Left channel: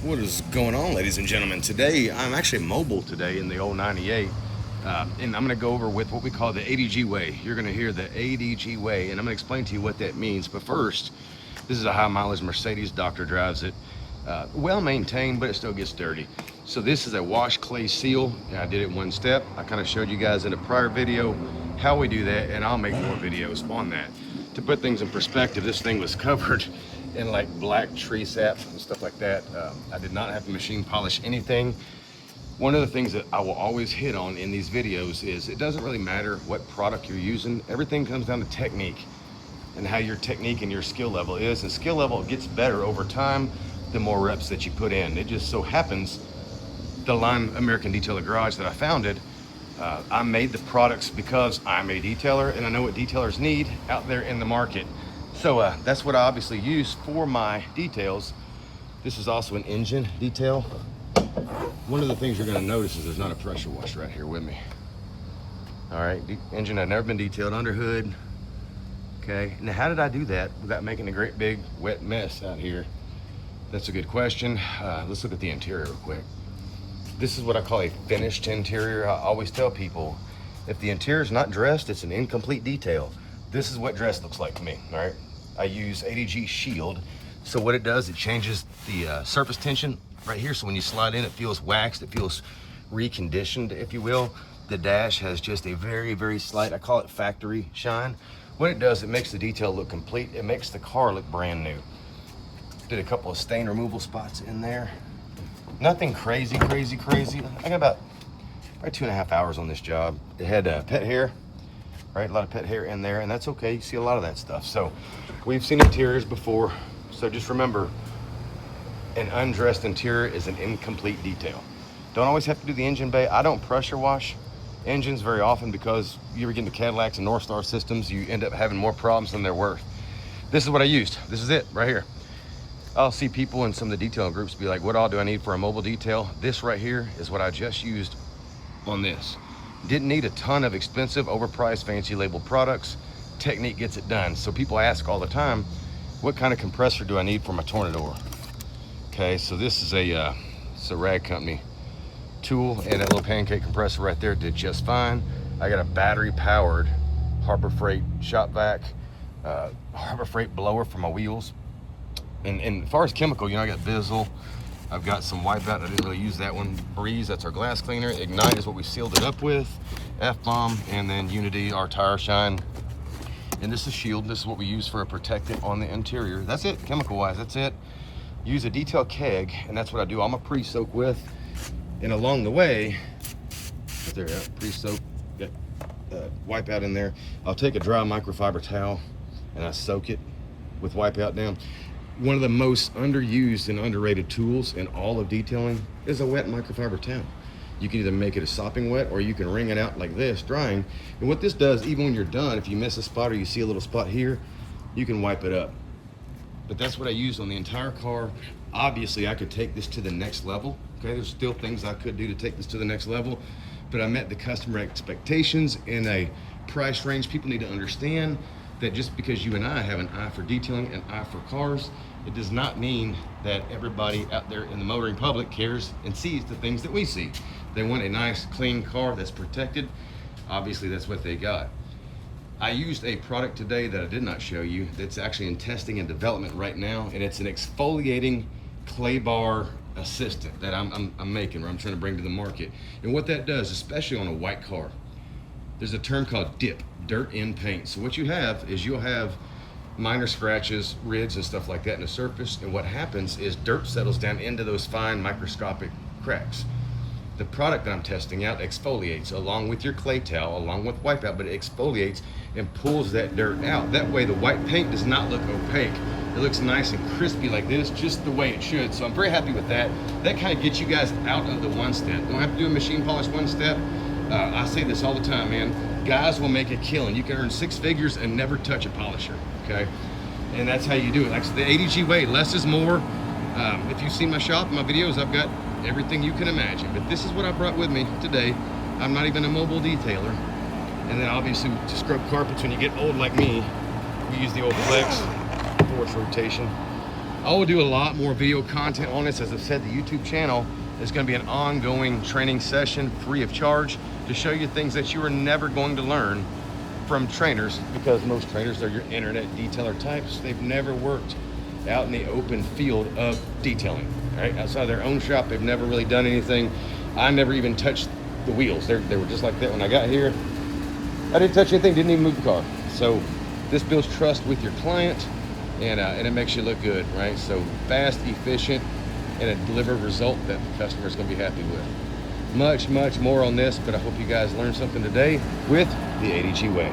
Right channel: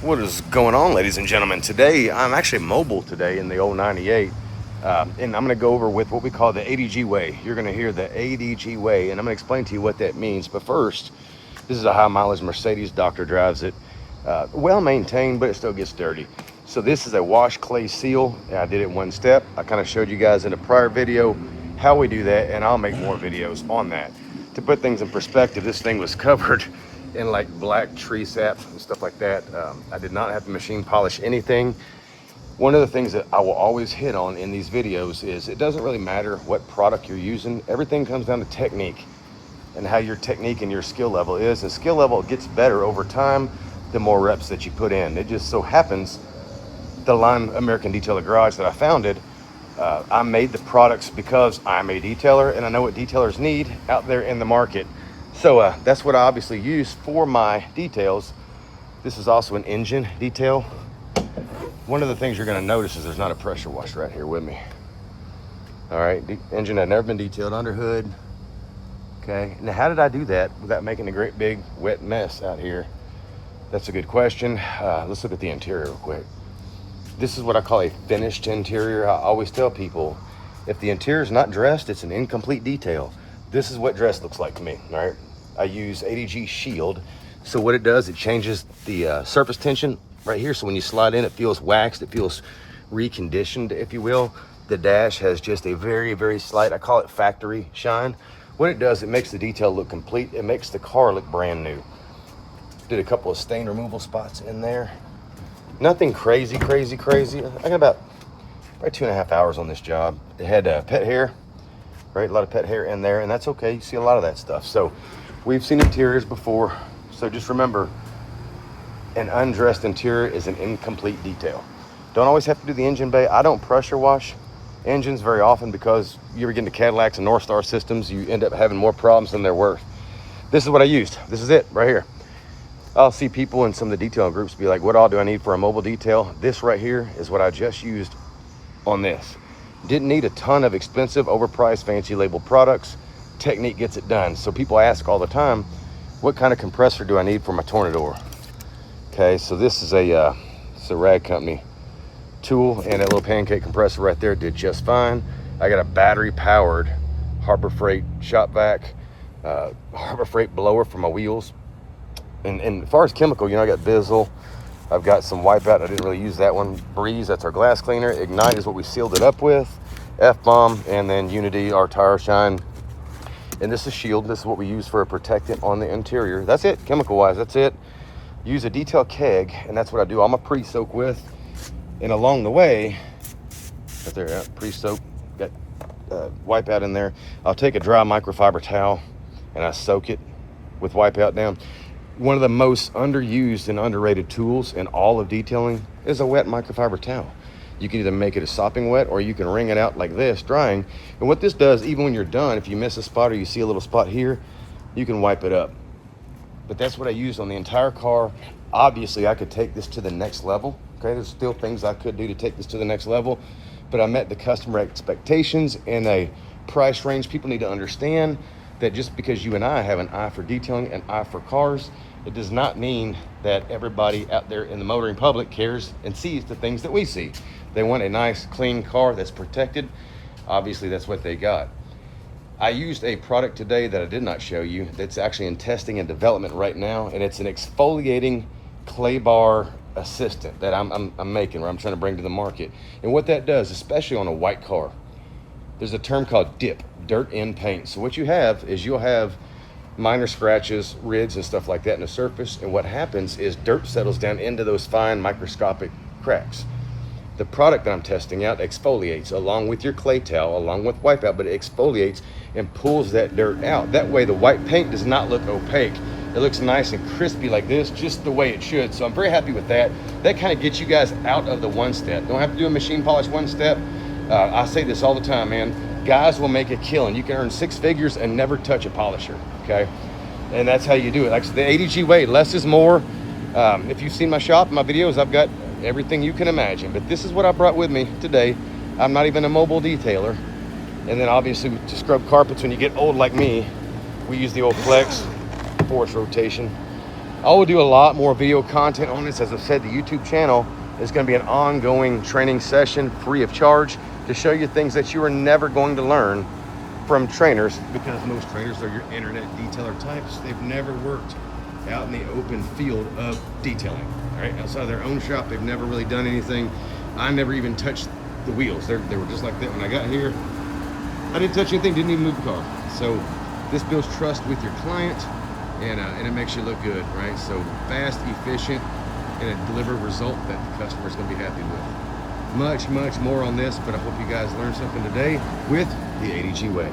What is going on, ladies and gentlemen? Today, I'm actually mobile today in the old 98, and I'm going to go over with what we call the ADG Way. You're going to hear the ADG Way, and I'm going to explain to you what that means. But first, this is a high mileage Mercedes. Doctor drives it. Well maintained, but it still gets dirty. So this is a wash clay seal, and I did it in one step. I kind of showed you guys in a prior video how we do that, and I'll make more videos on that. To put things in perspective, this thing was covered in like black tree saps and stuff like that. I did not have to machine polish anything. One of the things that I will always hit on in these videos is it doesn't really matter what product you're using. Everything comes down to technique and how your technique and your skill level is. And skill level gets better over time the more reps that you put in. It just so happens the line American Detailer Garage that I founded, I made the products because I'm a detailer and I know what detailers need out there in the market. So that's what I obviously use for my details. This is also an engine detail. One of the things you're going to notice is there's not a pressure wash right here with me. All right, the engine had never been detailed under hood. Okay, now how did I do that without making a great big wet mess out here? That's a good question. Let's look at the interior real quick. This is what I call a finished interior. I always tell people, if the interior is not dressed, it's an incomplete detail. This is what dress looks like to me, all right? I use ADG Shield. So what it does, it changes the surface tension right here. So when you slide in, it feels waxed, it feels reconditioned, if you will. The dash has just a very, very slight, I call it factory shine. What it does, it makes the detail look complete. It makes the car look brand new. Did a couple of stain removal spots in there. Nothing crazy. I got about 2.5 hours on this job. It had pet hair, right? A lot of pet hair in there, and that's okay. You see a lot of that stuff. So we've seen interiors before. So just remember, an undressed interior is an incomplete detail. Don't always have to do the engine bay. I don't pressure wash engines very often because you ever get into Cadillacs and North Star systems, you end up having more problems than they're worth. This is what I used. This is it right here. I'll see people in some of the detailing groups be like, what all do I need for a mobile detail? This right here is what I just used on this. Didn't need a ton of expensive, overpriced, fancy labeled products. Technique gets it done. So people ask all the time, what kind of compressor do I need for my Tornador? Okay, so this is a Rag Company tool, and that little pancake compressor right there did just fine. I got a battery powered Harbor Freight shop vac, Harbor Freight blower for my wheels. And as far as chemical, I got Bizzle. I've got some Wipeout. I didn't really use that one. Breeze, that's our glass cleaner. Ignite is what we sealed it up with. F-Bomb, and then Unity, our tire shine. And this is Shield. This is what we use for a protectant on the interior. That's it, chemical-wise, that's it. Use a detail keg, and that's what I do all my pre-soak with. And along the way, right there, pre-soak, got Wipeout in there. I'll take a dry microfiber towel, and I soak it with Wipeout down. One of the most underused and underrated tools in all of detailing is a wet microfiber towel. You can either make it a sopping wet or you can wring it out like this, drying. And what this does, even when you're done, if you miss a spot or you see a little spot here, you can wipe it up. But that's what I used on the entire car. Obviously, I could take this to the next level. Okay, there's still things I could do to take this to the next level, but I met the customer expectations in a price range. People need to understand that just because you and I have an eye for detailing and eye for cars, it does not mean that everybody out there in the motoring public cares and sees the things that we see. They want a nice, clean car that's protected. Obviously, that's what they got. I used a product today that I did not show you that's actually in testing and development right now, and it's an exfoliating clay bar assistant that I'm making, or I'm trying to bring to the market. And what that does, especially on a white car, there's a term called dip, dirt in paint. So what you have is you'll have minor scratches, ridges, and stuff like that in the surface. And what happens is dirt settles down into those fine microscopic cracks. The product that I'm testing out exfoliates along with your clay towel, along with Wipeout, but it exfoliates and pulls that dirt out. That way the white paint does not look opaque. It looks nice and crispy like this, just the way it should. So I'm very happy with that. That kind of gets you guys out of the one step. Don't have to do a machine polish one step. I say this all the time, man. Guys will make a killing. You can earn 6 figures and never touch a polisher, okay? And that's how you do it. Like the ADG way, less is more. If you've seen my shop, my videos, I've got everything you can imagine. But this is what I brought with me today. I'm not even a mobile detailer. And then obviously to scrub carpets when you get old like me, we use the old Flex force rotation. I will do a lot more video content on this. As I've said, the YouTube channel is going to be an ongoing training session free of charge to show you things that you are never going to learn from trainers, because most trainers are your internet detailer types. They've never worked out in the open field of detailing, right? Outside of their own shop, they've never really done anything. I never even touched the wheels. They were just like that when I got here. I didn't touch anything, didn't even move the car. So this builds trust with your client, and it makes you look good, right? So fast, efficient, and a delivered result that the customer is going to be happy with. Much more on this, but I hope you guys learned something today with the ADG Way.